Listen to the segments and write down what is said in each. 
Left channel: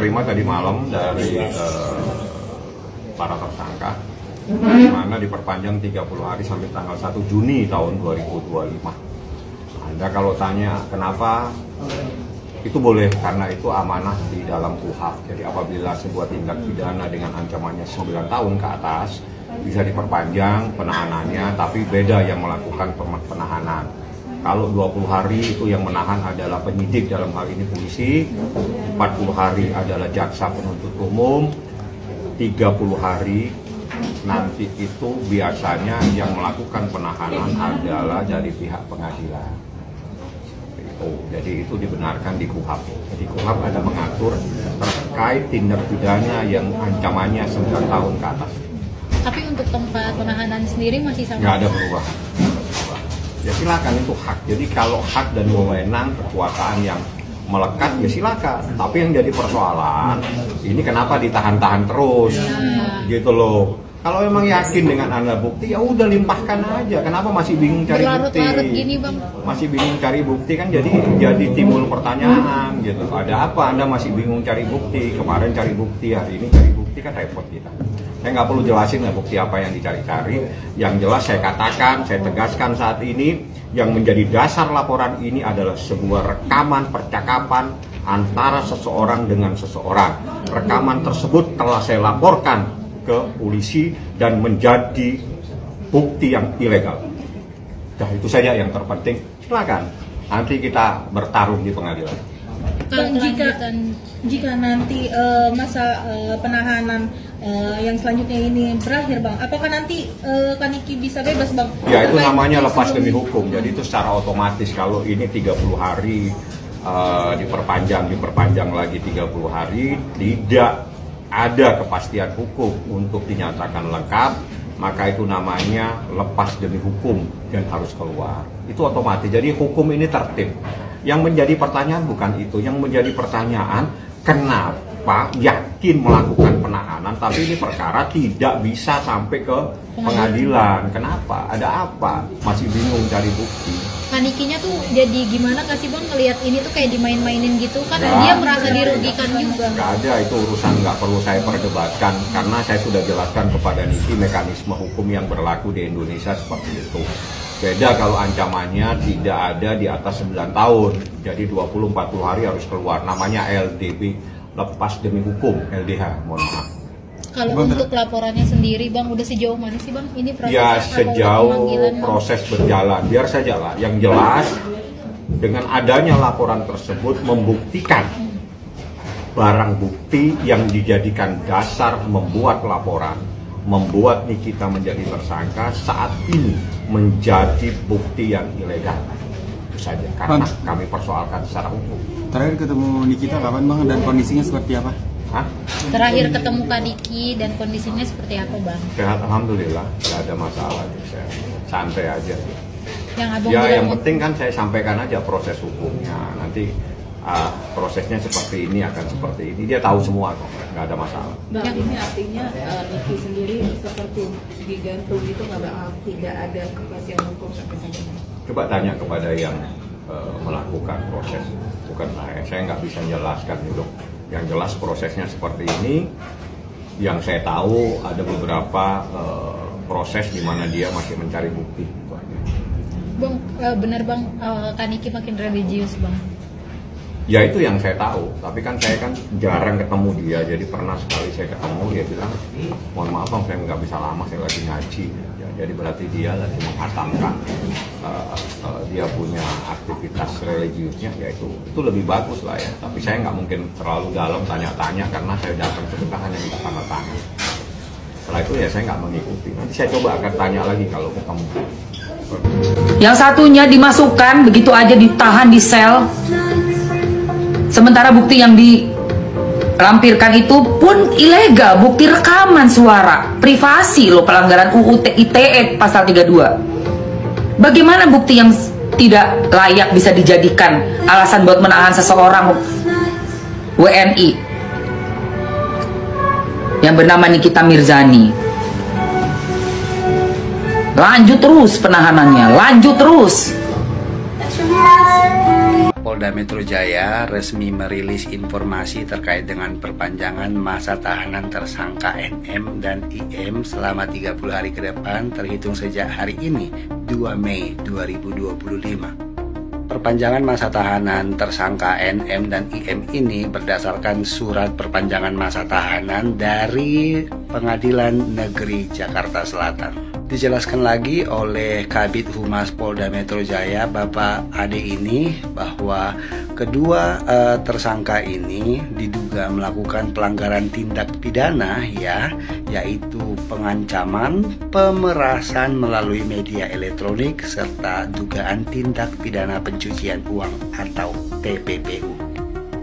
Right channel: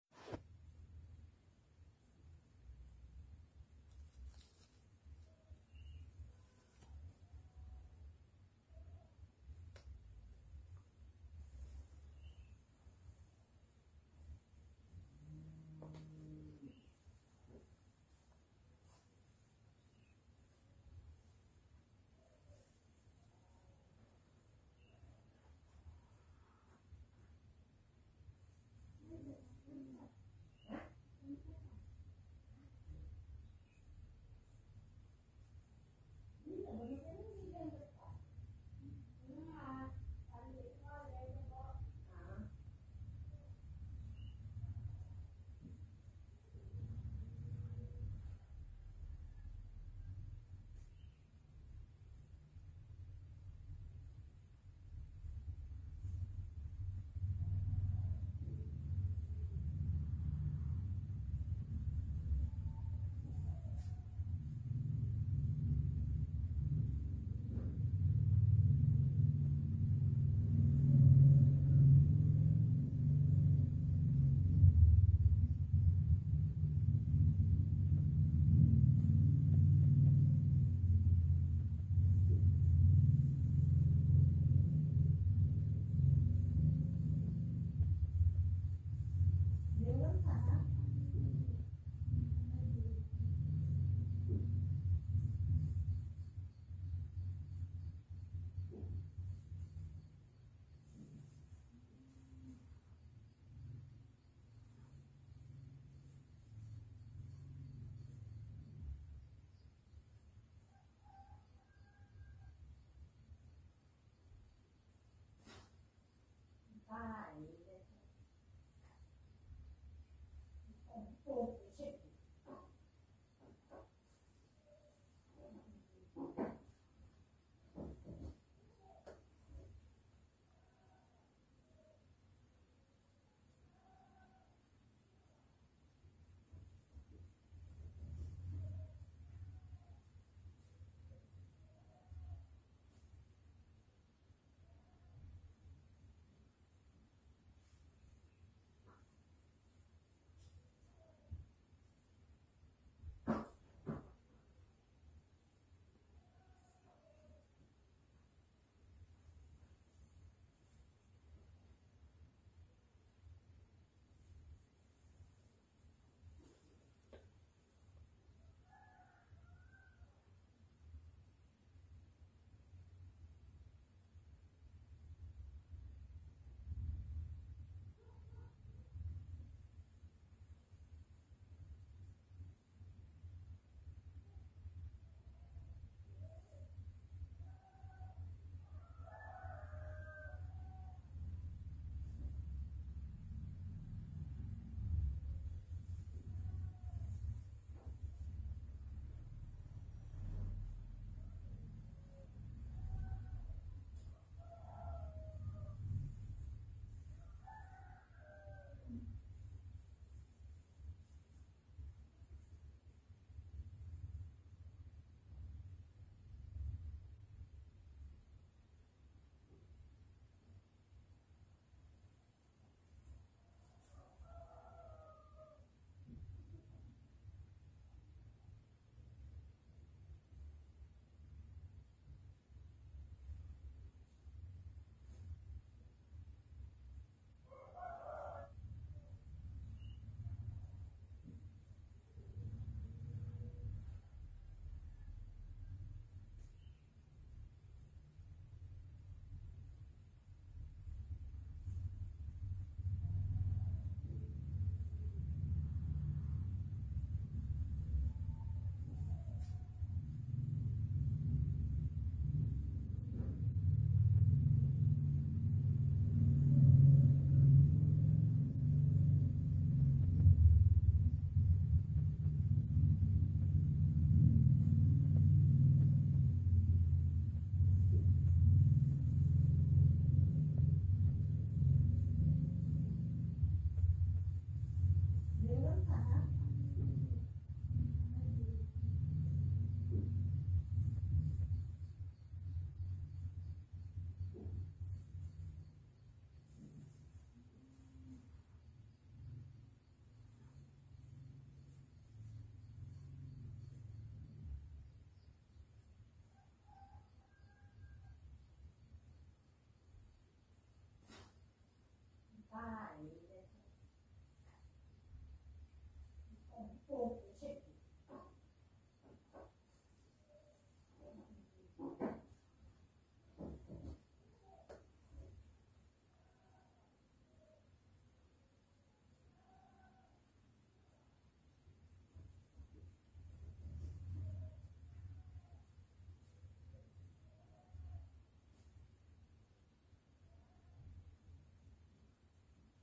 terima tadi malam dari para tersangka, di mana diperpanjang 30 hari sampai tanggal 1 Juni tahun 2025. Anda kalau tanya kenapa, itu boleh karena itu amanah di dalam KUHP. Jadi apabila sebuah tindak pidana dengan ancamannya 9 tahun ke atas, bisa diperpanjang penahanannya, tapi beda yang melakukan penahanan. Kalau 20 hari itu yang menahan adalah penyidik, dalam hal ini polisi, 40 hari adalah jaksa penuntut umum, 30 hari nanti itu biasanya yang melakukan penahanan adalah dari pihak pengadilan. Jadi itu dibenarkan di KUHP. Di KUHP ada mengatur terkait tindak pidana yang ancamannya 9 tahun ke atas. Tapi untuk tempat penahanan sendiri masih sama? Nggak ada perubahan. Ya silakan, itu hak. Jadi kalau hak dan wewenang kekuasaan yang melekat ya silakan. Tapi yang jadi persoalan ini kenapa ditahan-tahan terus, gitu loh. Kalau memang yakin dengan Anda bukti, ya udah limpahkan aja. Kenapa masih bingung cari bukti? Gini, Bang. Masih bingung cari bukti kan jadi timbul pertanyaan gitu. Ada apa Anda masih bingung cari bukti? Kemarin cari bukti, hari ini cari bukti, kan repot kita. Saya nggak perlu jelasin lah bukti apa yang dicari-cari. Yang jelas saya katakan, saya tegaskan saat ini, yang menjadi dasar laporan ini adalah sebuah rekaman percakapan antara seseorang dengan seseorang. Rekaman tersebut telah saya laporkan ke polisi dan menjadi bukti yang ilegal. Nah, itu saja yang terpenting. Silakan, nanti kita bertarung di pengadilan. Bang, jika nanti masa penahanan yang selanjutnya ini berakhir, Bang, apakah nanti Kaniki bisa bebas, Bang? Ya, itu namanya lepas demi hukum. Jadi itu secara otomatis kalau ini 30 hari diperpanjang lagi 30 hari, tidak ada kepastian hukum untuk dinyatakan lengkap, maka itu namanya lepas demi hukum dan harus keluar. Itu otomatis. Jadi hukum ini tertib. Yang menjadi pertanyaan bukan itu. Yang menjadi pertanyaan, kenapa yakin melakukan penahanan tapi ini perkara tidak bisa sampai ke pengadilan? Kenapa? Ada apa? Masih bingung cari bukti. Panikinya tuh jadi gimana kasih Bang ngelihat ini tuh kayak dimain-mainin gitu kan? Dia merasa dirugikan juga. Nggak ada, itu urusan nggak perlu saya perdebatkan karena saya sudah jelaskan kepada Niki mekanisme hukum yang berlaku di Indonesia seperti itu. Beda kalau ancamannya tidak ada di atas 9 tahun, jadi 20-40 hari harus keluar. Namanya LDP, lepas demi hukum, LDH, mohon maaf. Kalau untuk laporannya sendiri, Bang, udah sejauh mana sih, Bang? Ini proses ya sejauh proses berjalan, biar saja lah. Yang jelas, dengan adanya laporan tersebut membuktikan barang bukti yang dijadikan dasar membuat laporan, membuat Nikita menjadi tersangka saat ini menjadi bukti yang ilegal. Itu saja, karena kami persoalkan secara hukum. Terakhir ketemu Nikita kapan, Bang, dan kondisinya seperti apa? Hah? Terakhir ketemu Kak Niki dan kondisinya seperti apa, Bang? Sehat, alhamdulillah, nggak ada masalah, saya santai aja. Yang Abang ya yang penting kan saya sampaikan aja proses hukumnya. Nanti prosesnya seperti ini akan seperti ini, dia tahu semua kok, nggak ada masalah. Bang, ini artinya Niki sendiri seperti digantung itu tidak ada kepastian hukum sampai saat ini. Coba tanya kepada yang melakukan proses, bukan saya nggak bisa menjelaskan dulu. Yang jelas prosesnya seperti ini. Yang saya tahu ada beberapa proses di mana dia masih mencari bukti. Bang, benar Bang, Kak Niki makin religius, Bang. Ya itu yang saya tahu, tapi kan saya kan jarang ketemu dia, jadi pernah sekali saya ketemu, dia bilang, mohon maaf Bang, saya nggak bisa lama, saya lagi ngaji. Ya, jadi berarti dia lagi menghatamkan, dia punya aktivitas religiusnya, ya itu lebih bagus lah ya. Tapi saya nggak mungkin terlalu dalam tanya-tanya, karena saya datang sebentar hanya minta tanda tangan. Setelah itu ya saya nggak mengikuti, nanti saya coba akan tanya lagi kalau ketemu. Yang satunya dimasukkan, begitu aja ditahan di sel. Sementara bukti yang dilampirkan itu pun ilegal, bukti rekaman suara, privasi loh, pelanggaran UU ITE pasal 32. Bagaimana bukti yang tidak layak bisa dijadikan alasan buat menahan seseorang WNI yang bernama Nikita Mirzani? Lanjut terus penahanannya, lanjut terus. Polda Metro Jaya resmi merilis informasi terkait dengan perpanjangan masa tahanan tersangka NM dan IM selama 30 hari ke depan terhitung sejak hari ini, 2 Mei 2025. Perpanjangan masa tahanan tersangka NM dan IM ini berdasarkan surat perpanjangan masa tahanan dari Pengadilan Negeri Jakarta Selatan. Dijelaskan lagi oleh Kabid Humas Polda Metro Jaya, Bapak Ade ini, bahwa kedua tersangka ini diduga melakukan pelanggaran tindak pidana yaitu pengancaman, pemerasan melalui media elektronik, serta dugaan tindak pidana pencucian uang atau TPPU.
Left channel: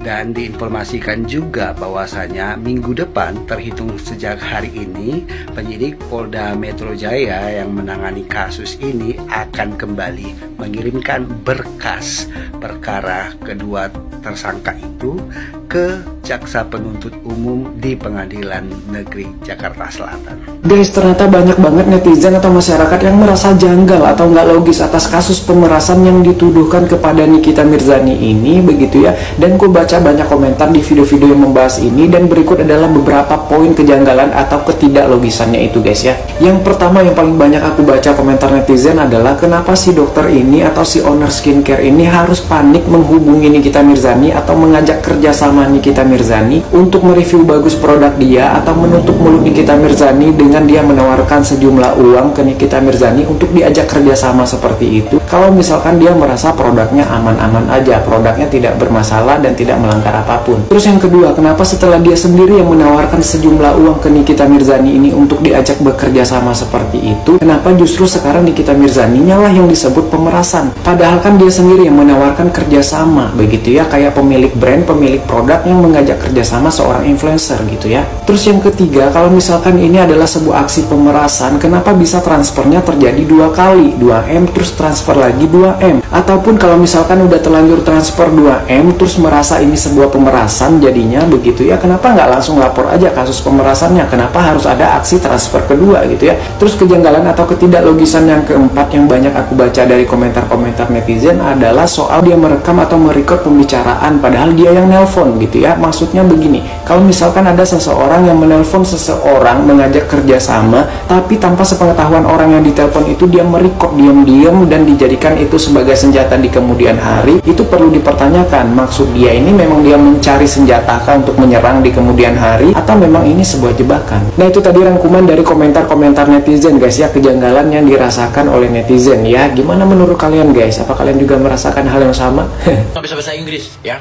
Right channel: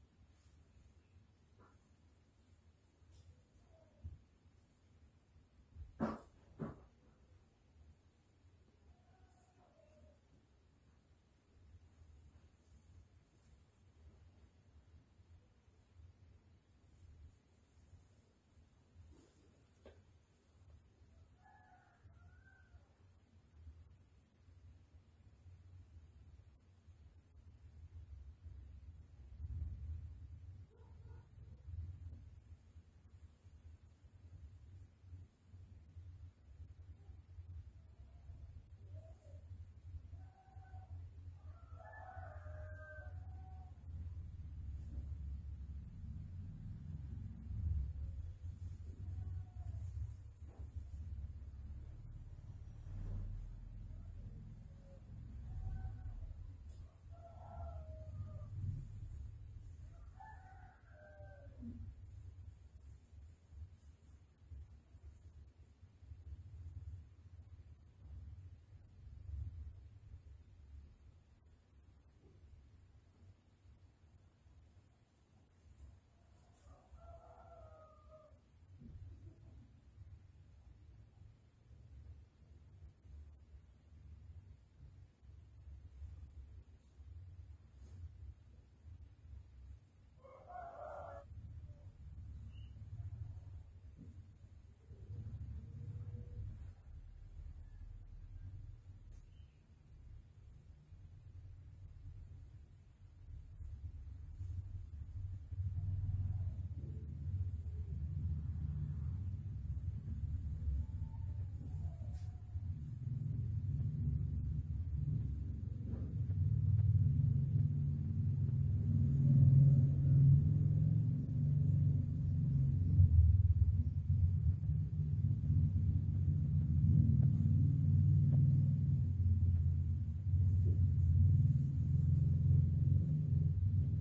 Dan diinformasikan juga bahwasanya minggu depan terhitung sejak hari ini, penyidik Polda Metro Jaya yang menangani kasus ini akan kembali mengirimkan berkas perkara kedua tersangka itu ke Jaksa Penuntut Umum di Pengadilan Negeri Jakarta Selatan. Guys, ternyata banyak banget netizen atau masyarakat yang merasa janggal atau nggak logis atas kasus pemerasan yang dituduhkan kepada Nikita Mirzani ini, begitu ya. Dan gue baca banyak komentar di video-video yang membahas ini, dan berikut adalah beberapa poin kejanggalan atau ketidaklogisannya itu guys ya. Yang pertama yang paling banyak aku baca komentar netizen adalah kenapa si dokter ini atau si owner skincare ini harus panik menghubungi Nikita Mirzani atau mengajak kerjasama Nikita Mirzani untuk mereview bagus produk dia, atau menutup mulut Nikita Mirzani dengan dia menawarkan sejumlah uang ke Nikita Mirzani untuk diajak kerjasama seperti itu. Kalau misalkan dia merasa produknya aman-aman aja, produknya tidak bermasalah dan tidak melanggar apapun. Terus yang kedua, kenapa setelah dia sendiri yang menawarkan sejumlah uang ke Nikita Mirzani ini untuk diajak bekerja sama seperti itu, kenapa justru sekarang Nikita Mirzani lah yang disebut pemerasan? Padahal kan dia sendiri yang menawarkan kerjasama, begitu ya, kayak pemilik brand, pemilik produk yang mengajak kerjasama seorang influencer gitu ya. Terus yang ketiga, kalau misalkan ini adalah sebuah aksi pemerasan, kenapa bisa transfernya terjadi 2 kali, 2M terus transfer lagi 2M? Ataupun kalau misalkan udah terlanjur transfer 2M terus merasa ini sebuah pemerasan jadinya, begitu ya, kenapa nggak langsung lapor aja kasus pemerasannya? Kenapa harus ada aksi transfer kedua gitu ya? Terus kejanggalan atau ketidaklogisan yang keempat yang banyak aku baca dari komentar-komentar netizen adalah soal dia merekam atau merekod pembicaraan padahal dia yang nelpon gitu ya. Maksudnya begini, kalau misalkan ada seseorang yang menelpon seseorang mengajak kerjasama, tapi tanpa sepengetahuan orang yang ditelepon itu dia merekod diam-diam dan dijadikan itu sebagai senjata di kemudian hari, itu perlu dipertanyakan, maksud dia ini memang dia mencari senjata untuk menyerang di kemudian hari, atau memang ini sebuah jebakan? Nah, itu tadi rangkuman dari komentar-komentar netizen guys ya, kejanggalan yang dirasakan oleh netizen ya. Gimana menurut kalian guys? Apa kalian juga merasakan hal yang sama? Nggak bisa bahasa Inggris ya.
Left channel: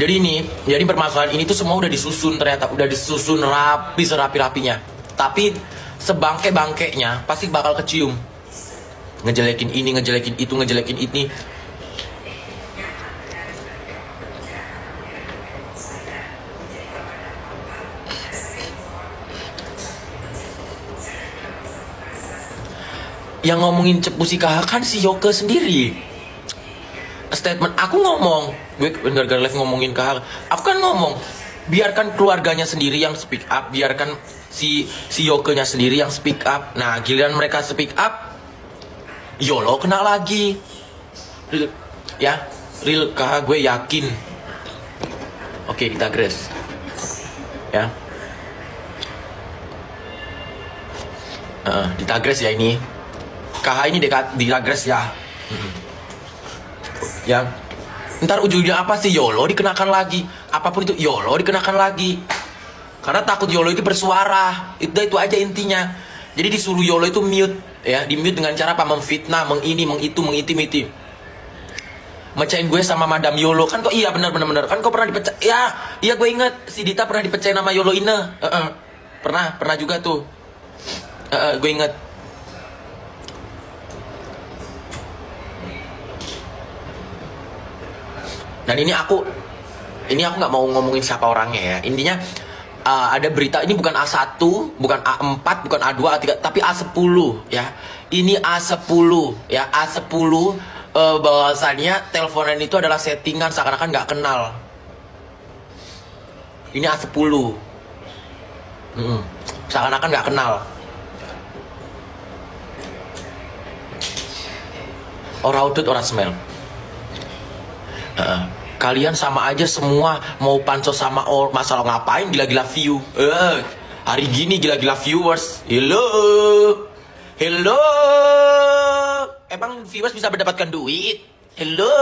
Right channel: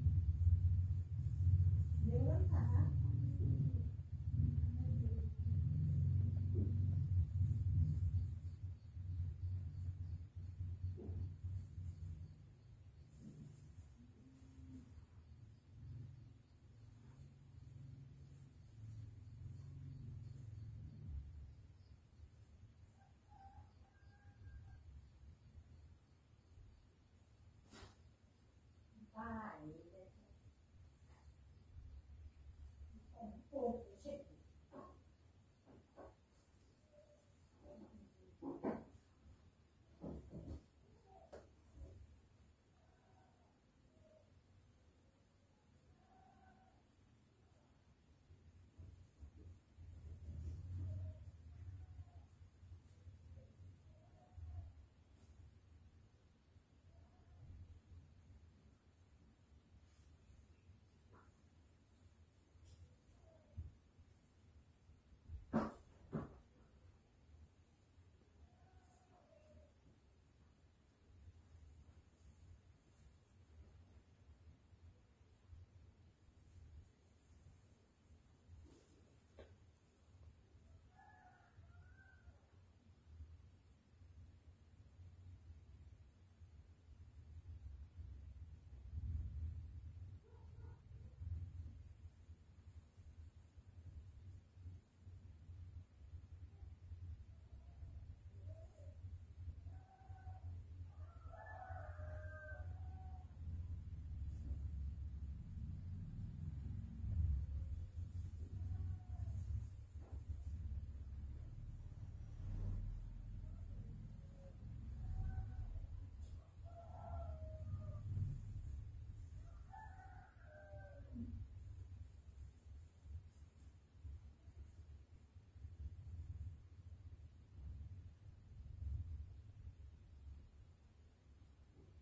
Jadi permasalahan ini tuh semua udah disusun, ternyata udah disusun rapi serapi-rapinya. Tapi sebangke-bangkeknya pasti bakal kecium. Ngejelekin ini, ngejelekin itu, ngejelekin ini. Yang ngomongin cepu si KH kan si Yoke sendiri. Statement aku ngomong, gue gara-gara live ngomongin KH, aku kan ngomong, biarkan keluarganya sendiri yang speak up, biarkan si Yoke-nya sendiri yang speak up. Nah, giliran mereka speak up, YOLO kena lagi. Real KH gue yakin. Oke, kita grace. Ya. Ditagres ya ini. KH ini ditagres ya. Ya. Ntar ujungnya apa sih? YOLO dikenakan lagi. Apapun itu YOLO dikenakan lagi. Karena takut YOLO itu bersuara. Itu aja intinya. Jadi disuruh YOLO itu mute ya, di mute dengan cara apa? Memfitnah, mengini, mengitu, mengintimiti. Mecahin gue sama Madam YOLO kan kok iya benar kan kok pernah dipecah. Iya gue inget si Dita pernah dipecahin sama YOLO Ine. Pernah juga tuh. Gue inget. Dan ini aku nggak mau ngomongin siapa orangnya ya. Intinya ada berita, ini bukan A1, bukan A4, bukan A2, A3, tapi A10 ya. Ini A10 ya, A10 bahwasannya teleponan itu adalah settingan seakan-akan nggak kenal. Ini A10. Seakan-akan nggak kenal. Ora udut, ora smell. Kalian sama aja semua, mau pansos sama masalah ngapain gila-gila view. Hari gini gila-gila viewers. Hello. Emang viewers bisa mendapatkan duit? Hello.